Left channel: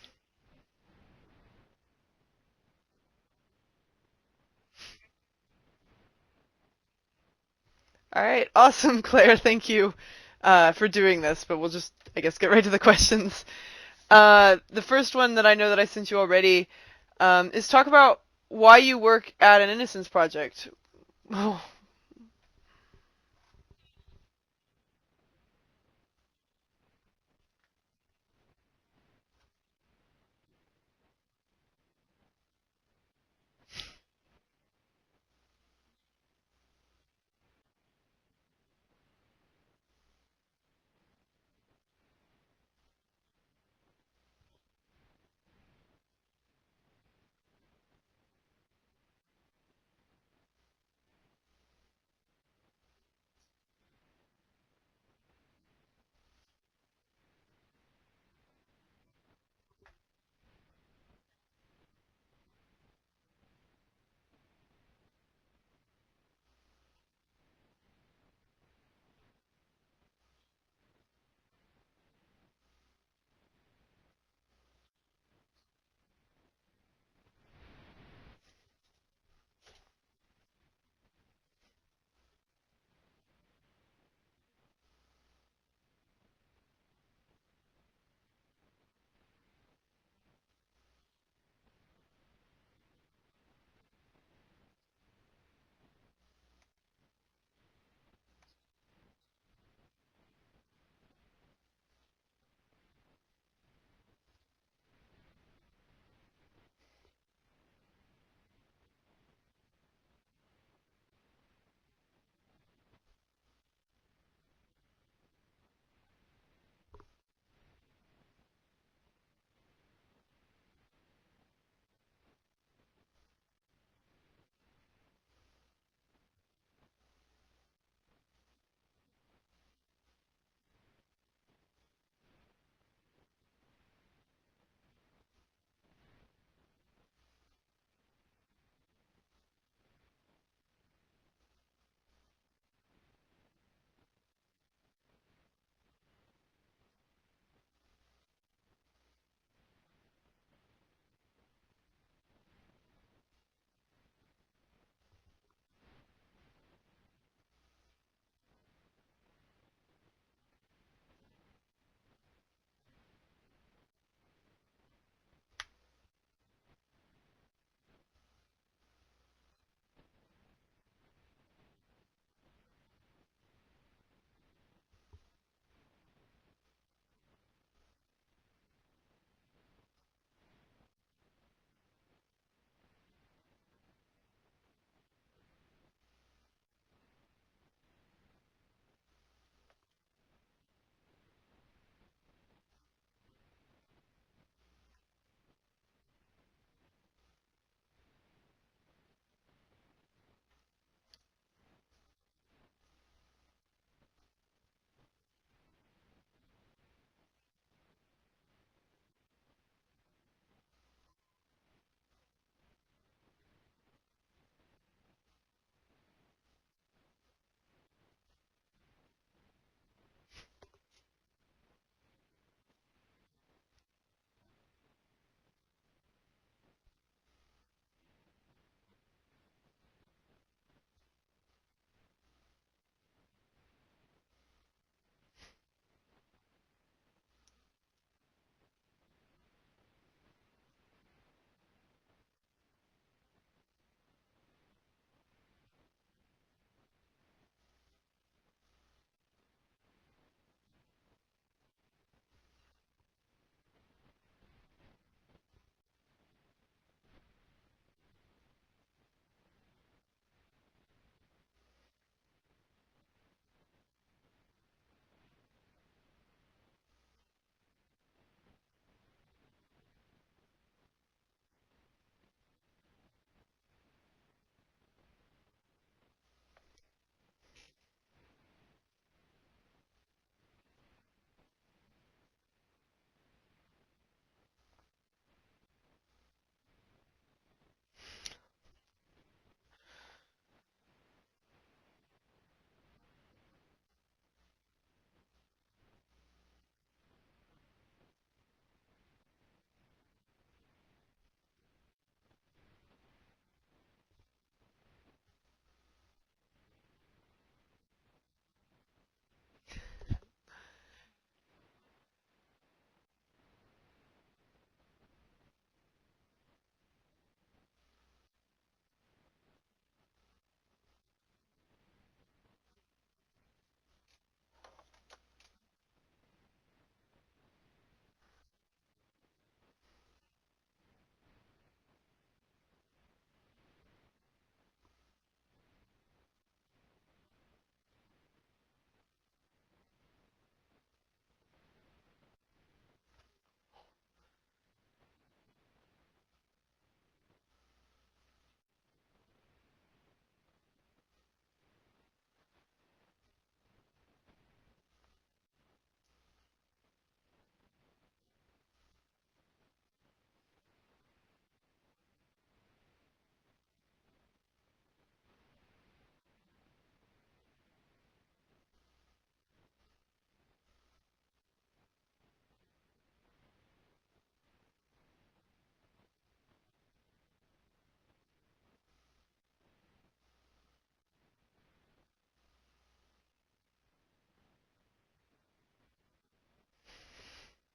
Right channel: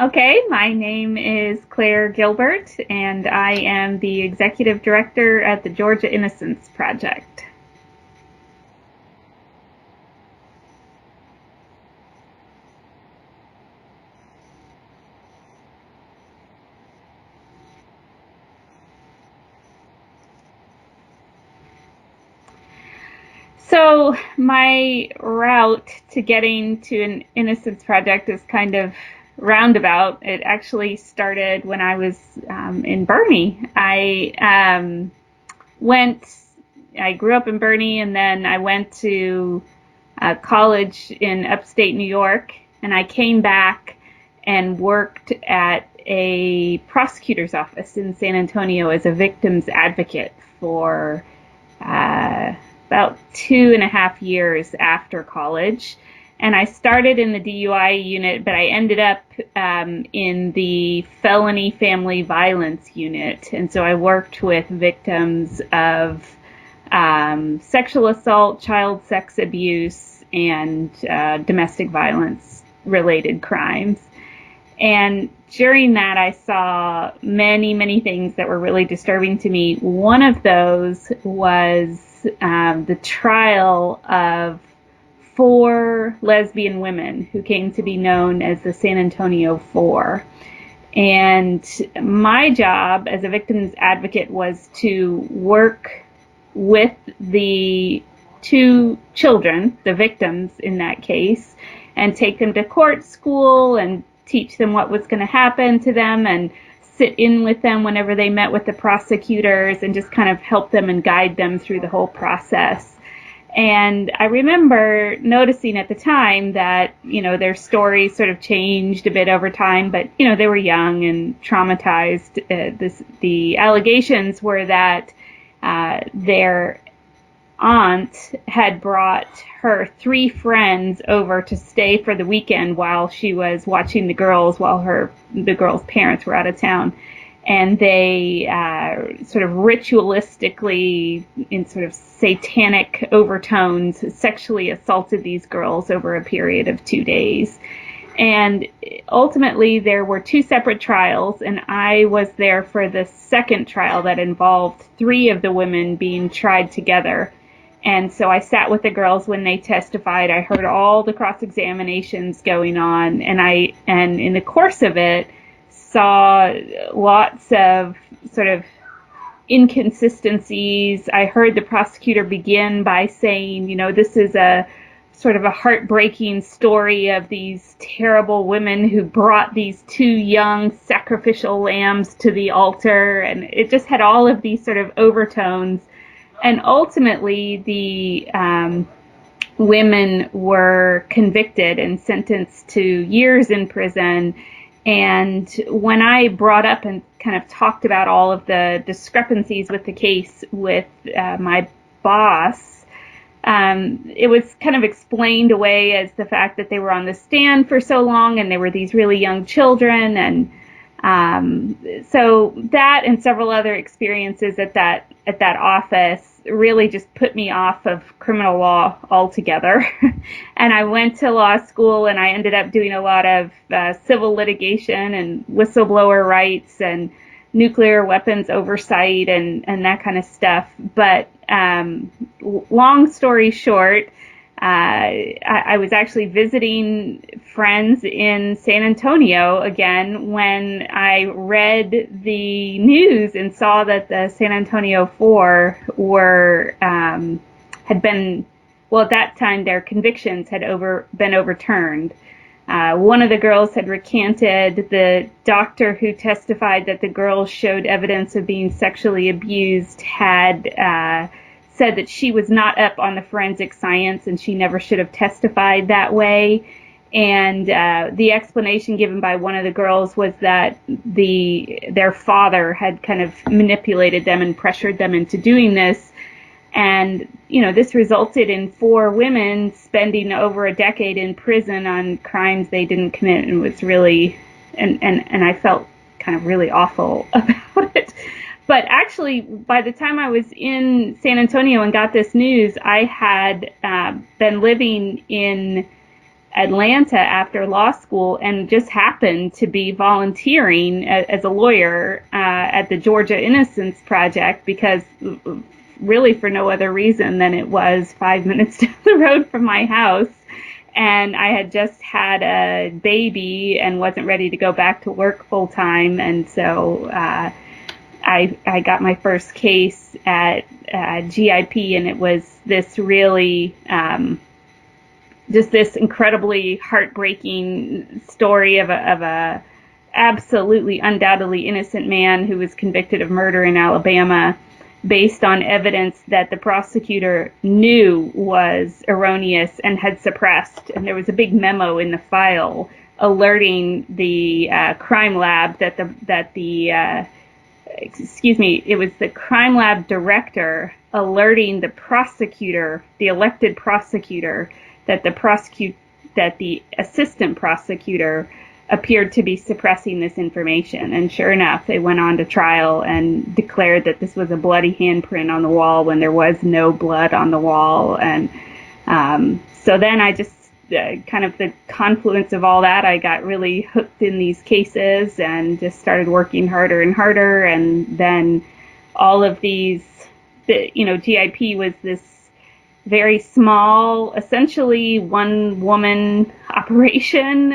Okay, my name is Clare Gilbert, and I am the executive director at the Georgia Innocence Project. All right, awesome, Claire. Thank you for doing this, but we'll just, I guess, get right to the questions. The first one that I know that I sent you already is talk about why you work at an Innocence Project. Oh, So, my route to getting to an Innocence Project is kind of roundabout. It actually started when I was in Bernie. Went, I grew up in Bernie, and then I went to college in upstate New York, and I came back and worked at a prosecutor's office in San Antonio as a victim's advocate for uh, about 2.5 years after college. And I started in the DUI unit, but I ended up in the felony family violence unit. And so I worked with victims of sexual assault, child sex abuse, and domestic violence related crimes. And during that, I saw many, many things that were really disturbing to me. One of those was the trial of four lesbian women who came to be known as the San Antonio Four. And my job as a victim's advocate was to work with the two children, the victims in that case, and take them to court school and teach them what was going to happen to them and sit in with them whenever they met with the prosecutors and just kind of help them and guide them through the whole process. And I remember noticing at the time that, their stories sort of changed a bit over time, but, they were young and traumatized. The allegations were that their aunt had brought her three friends over to stay for the weekend while she was watching the girls while the girls' parents were out of town. And they sort of ritualistically, in sort of satanic overtones, sexually assaulted these girls over a period of 2 days. And ultimately, there were two separate trials, and I was there for the second trial that involved three of the women being tried together. And so I sat with the girls when they testified. I heard all the cross examinations going on, and in the course of it, saw lots of sort of inconsistencies. I heard the prosecutor begin by saying, this is a sort of a heartbreaking story of these terrible women who brought these two young sacrificial lambs to the altar. And it just had all of these sort of overtones. And ultimately, the women were convicted and sentenced to years in prison. And when I brought up and kind of talked about all of the discrepancies with the case with my boss, it was kind of explained away as the fact that they were on the stand for so long and they were these really young children. And so that and several other experiences at that office really just put me off of criminal law altogether. And I went to law school and I ended up doing a lot of civil litigation and whistleblower rights and nuclear weapons oversight and that kind of stuff. But long story short, I was actually visiting friends in San Antonio again when I read the news and saw that the San Antonio Four had been, well, at that time their convictions had been overturned. One of the girls had recanted. The doctor who testified that the girls showed evidence of being sexually abused had said that she was not up on the forensic science and she never should have testified that way. And the explanation given by one of the girls was that their father had kind of manipulated them and pressured them into doing this. And, this resulted in four women spending over a decade in prison on crimes they didn't commit, and was really, and I felt kind of really awful about it. But actually, by the time I was in San Antonio and got this news, I had been living in Atlanta after law school and just happened to be volunteering as a lawyer at the Georgia Innocence Project because really for no other reason than it was 5 minutes down the road from my house. And I had just had a baby and wasn't ready to go back to work full time. And so I got my first case at GIP, and it was this really just this incredibly heartbreaking story of a absolutely undoubtedly innocent man who was convicted of murder in Alabama based on evidence that the prosecutor knew was erroneous and had suppressed. And there was a big memo in the file alerting the crime lab it was the crime lab director alerting the prosecutor, the elected prosecutor, that the assistant prosecutor appeared to be suppressing this information. And sure enough, they went on to trial and declared that this was a bloody handprint on the wall when there was no blood on the wall. And so then I just kind of the confluence of all that, I got really hooked in these cases and just started working harder and harder. And then all of these, GIP was this very small, essentially one woman operation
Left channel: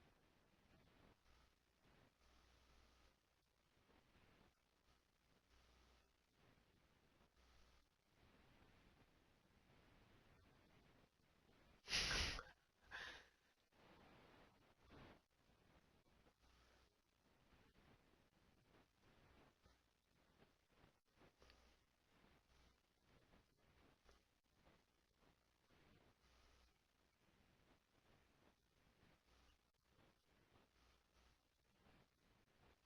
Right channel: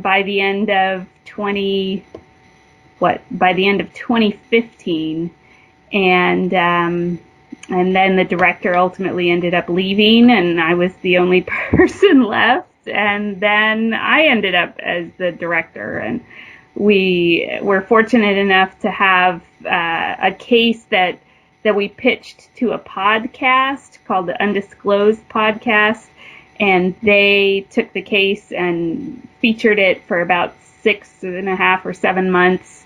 by the end of 2015, and then the director ultimately ended up leaving, and I was the only person left. And then I ended up as the director, and we were fortunate enough to have a case that we pitched to a podcast called the Undisclosed Podcast, and they took the case and featured it for about 6.5 or 7 months.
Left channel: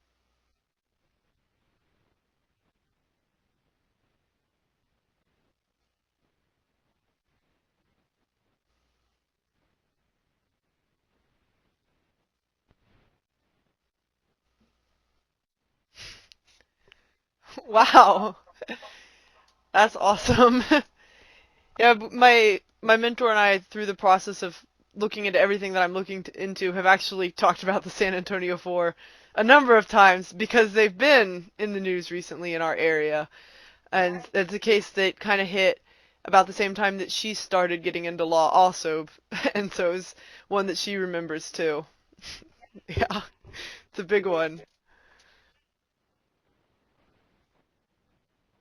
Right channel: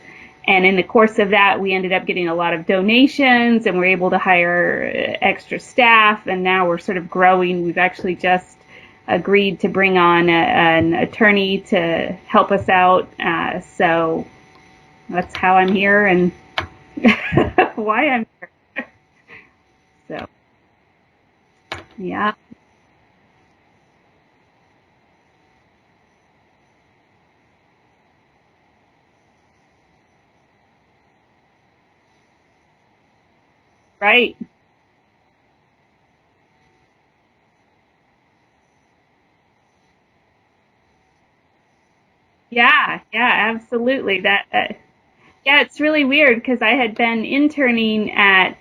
And in the course of that, we ended up getting a lot of donations, and we're able to hire extra staff. And now we're sort of growing. We've actually just agreed to bring on an attorney to help us out. So that's how I'm here and why I'm Wow. That's awesome. Yeah, yeah. my mentor and I, through the process of looking into everything that I'm looking into, have actually talked about the San Antonio Four a number of times because they've been in the news recently in our area. And Right. it's a case that kind of hit about the same time that she started getting into law also. And so it's one that she remembers too. Yeah. Yeah, Yeah. it's a Absolutely. big one. Yeah, it's really weird because I had been interning at,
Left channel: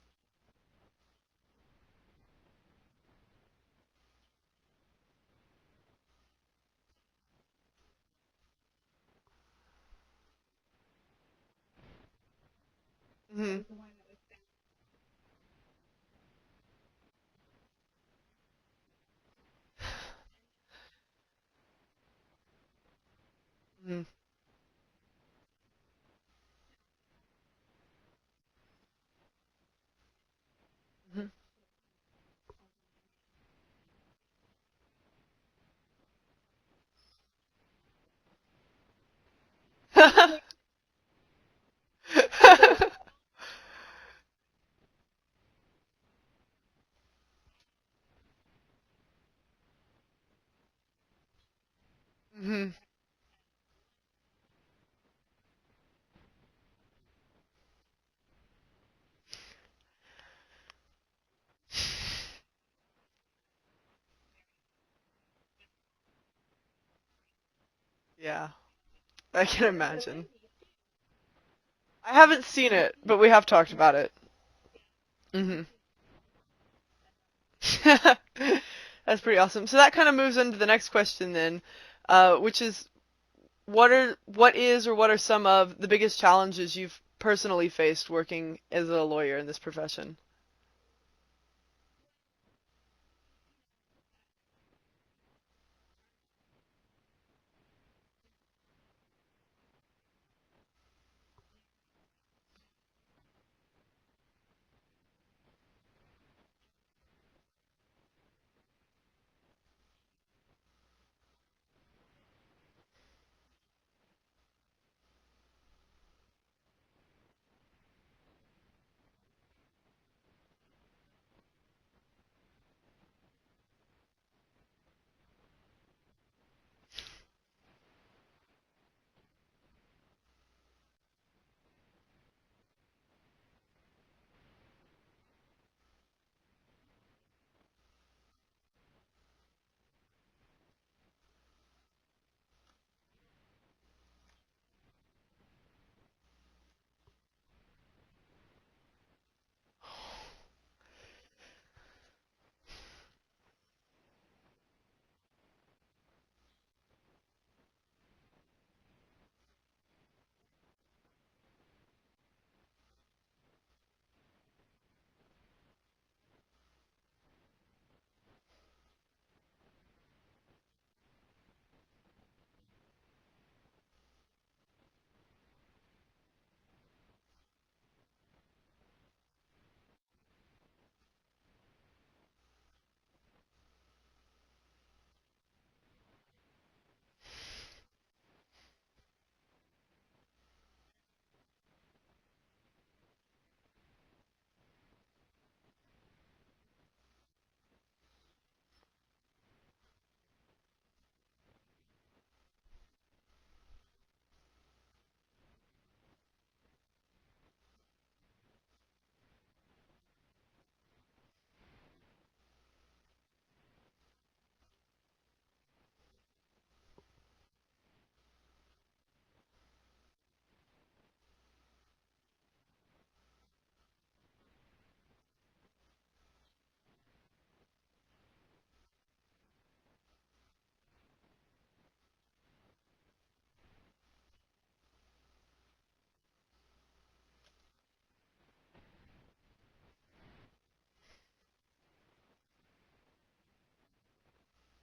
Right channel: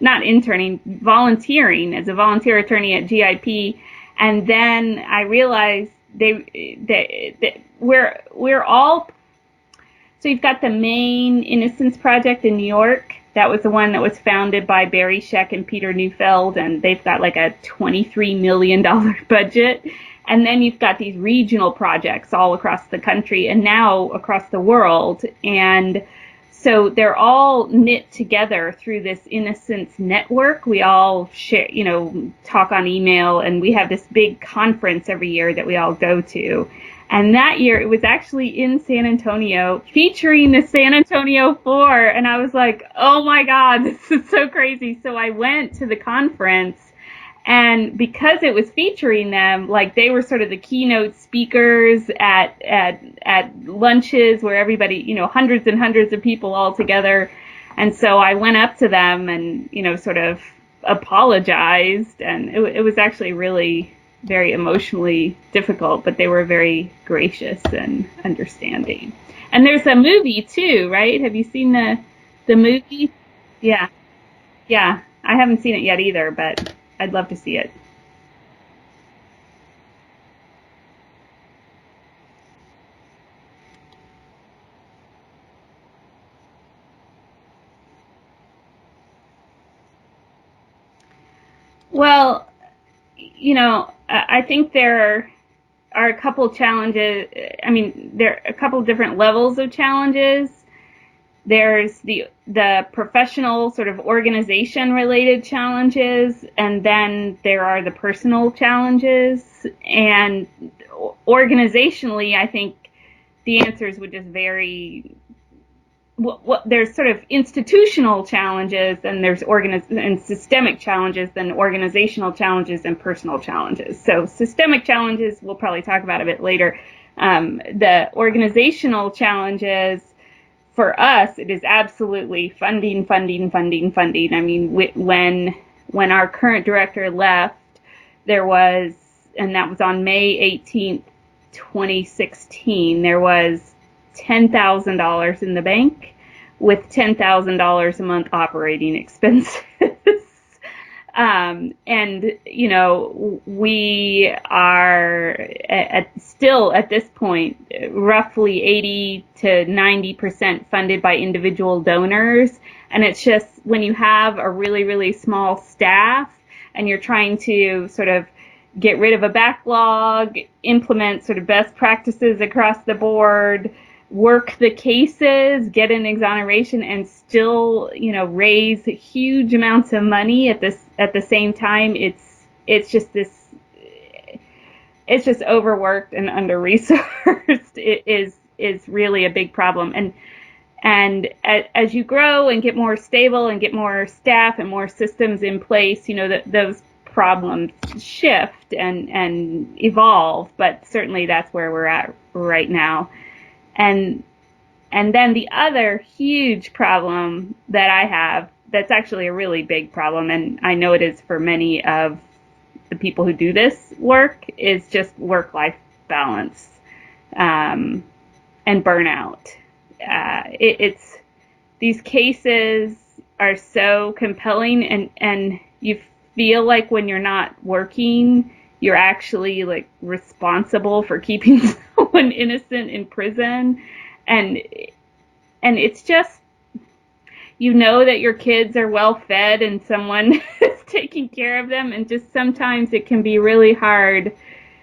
not interning, volunteering as a volunteer attorney at GIP, and then I realized we're all. So you've got the main Innocence Project in New York. That Hmm. was the one that was founded by Barry Scheck and Peter Neufeld, and they've got like a $23 million budget. And then you've got these regional projects all across the country and now across the world. And so they're all knit together through this Innocence network. We all share, talk on email, and we have this big conference every year that we all go to. And that year it was actually in San Antonio featuring the San Antonio Four. And I was like, oh my God, this is so crazy. So I went to the conference, and because it was featuring them, like they were sort of the keynote speakers at Hmm. lunches where everybody, hundreds and hundreds of people all together. And so I went up to them and, sort of apologized, and it was actually really very emotionally difficult, but they were very gracious and Yeah, understanding. I And can there's a imagine. movie too, right? Have you seen I haven't the seen it, movie? but we have talked Yeah, about it. yeah. I haven't Hmm. seen it yet either, but I'd love to see it. That's pretty awesome. So that kind of moves into the next question then, which is what is or what are some of the biggest challenges you've personally faced working as a lawyer in this profession? Well, I think there are a couple challenges. I mean, there are a couple different levels of challenges. There's the professional sort of organization related challenges, and then there are the personal challenges. And organizationally, I think the answers would just vary there's sort of institutional challenges, and there's and systemic challenges, and organizational challenges, and personal challenges. So systemic challenges we'll probably talk about a bit later. The organizational challenges, for us, it is absolutely funding, funding, funding, funding. I mean, when our current director left, there was, and that was on May 18th, 2016, there was $10,000 in the bank with $10,000 a month operating expenses. And, we are still at this point roughly 80 to 90% funded by individual donors. And it's just when you have a really, really small staff and you're trying to sort of get rid of a backlog, implement sort of best practices across the board, work the cases, get an exoneration, and still, raise huge amounts of money at the same time. It's just this. It's just overworked and under resourced. It is really a big problem. And as you grow and get more stable and get more staff and more systems in place, those problems shift and evolve. But certainly that's where we're at right now. And then the other huge problem that I have, that's actually a really big problem, and I know it is for many of the people who do this work, is just work-life balance, and burnout. It's these cases are so compelling, and you feel like when you're not working, you're actually like responsible for keeping someone innocent in prison, and it's just, that your kids are well fed and someone is taking care of them, and just sometimes it can be really hard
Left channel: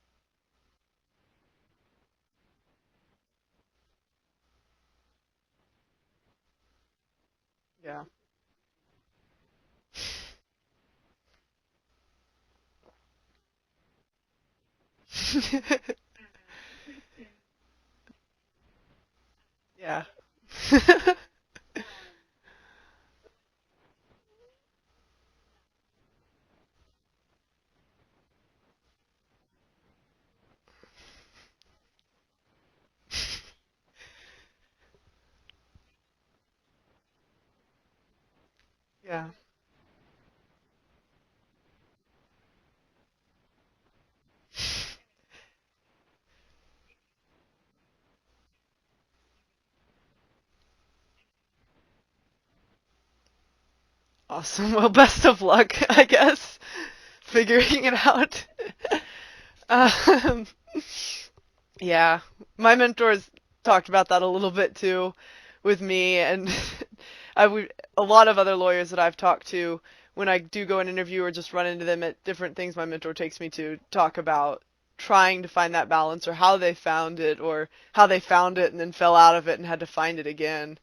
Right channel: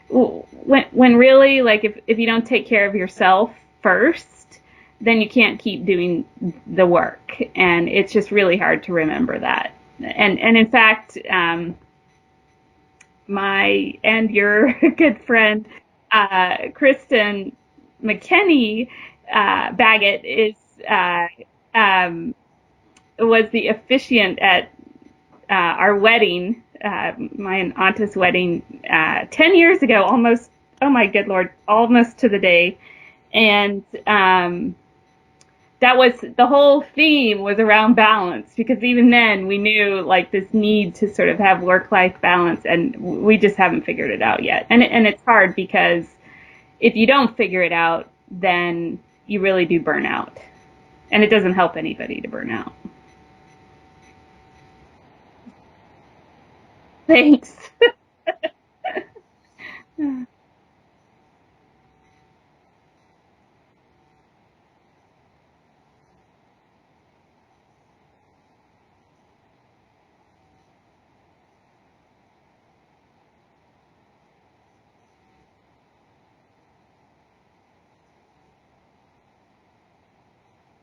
when really, like, if you don't take care of yourself first, then you can't keep doing the work, and it's just really hard to remember that. And in fact, my and your good friend Kristen McKenney Baggett was the officiant at our wedding, my aunt's wedding, 10 years ago, almost. Oh my good Lord, almost to the day. And that was the whole theme, was around balance, because even then we knew like this need to sort of have work-life balance, and we just haven't figured it out yet. And it's hard, because if you don't figure it out, then you really do burn out, and it doesn't help anybody to burn out. Awesome. Well, best of luck, I guess, Thanks. figuring it out. um, yeah, my mentors talked about that a little bit too with me, and a lot of other lawyers that I've talked to, when I do go and interview or just run into them at different things my mentor takes me to, talk about trying to find that balance, or how they found it, or how they found it and then fell out of it and had to find it again.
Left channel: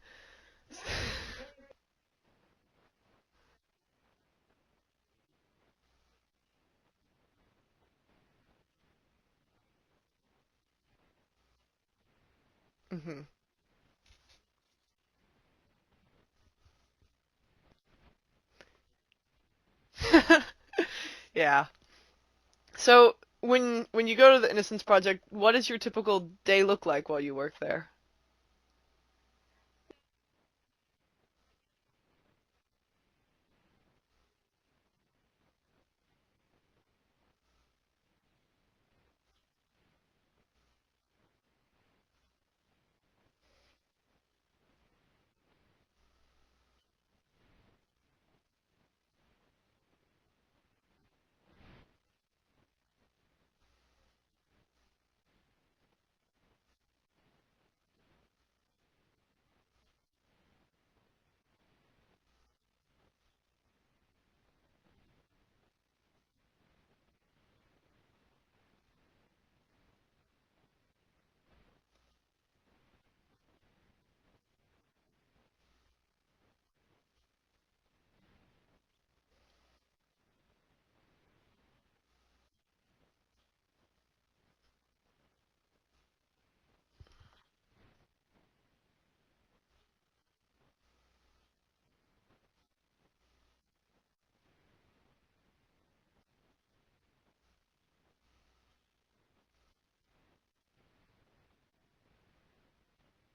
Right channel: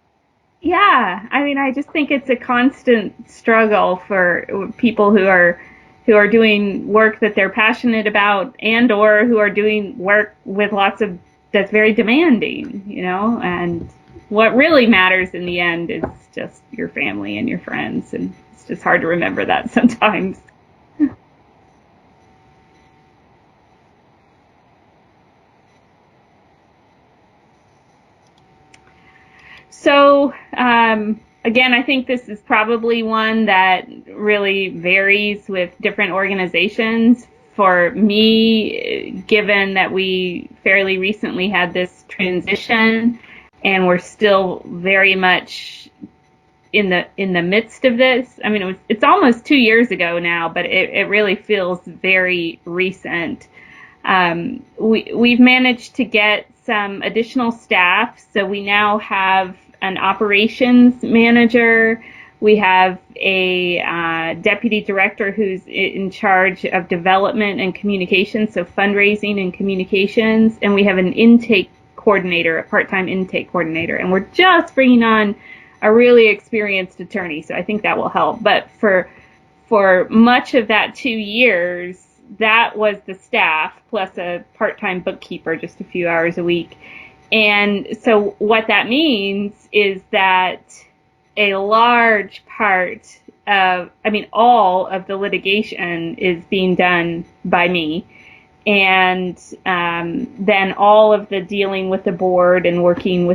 Yeah, I mean, I just think it's a constant struggle for people who are doing work that they're passionate about, and or who are doing work with lots of that's very demanding, and what really matters in the end is just your family and your friends, and it's just hard to remember that sometimes. Yeah. So when you go to the Innocence Project, what does your typical day look like while you work there? So, again, I think this is probably one that really varies with different organizations. For me, given that we fairly recently had this transition and we're still very much in the midst of this. I mean, it's almost 2 years ago now, but it really feels very recent. We've managed to get some additional staff, so we now have an operations manager. We have a deputy director who's in charge of development and communications, so fundraising and communications, and we have an intake coordinator, a part-time intake coordinator, and we're just bringing on a really experienced attorney, so I think that will help. But for much of that 2 years, that was the staff plus a part-time bookkeeper, just a few hours a week. And so what that means is that a large part of, I mean, all of the litigation is being done by me. And then all of the dealing with the board and working with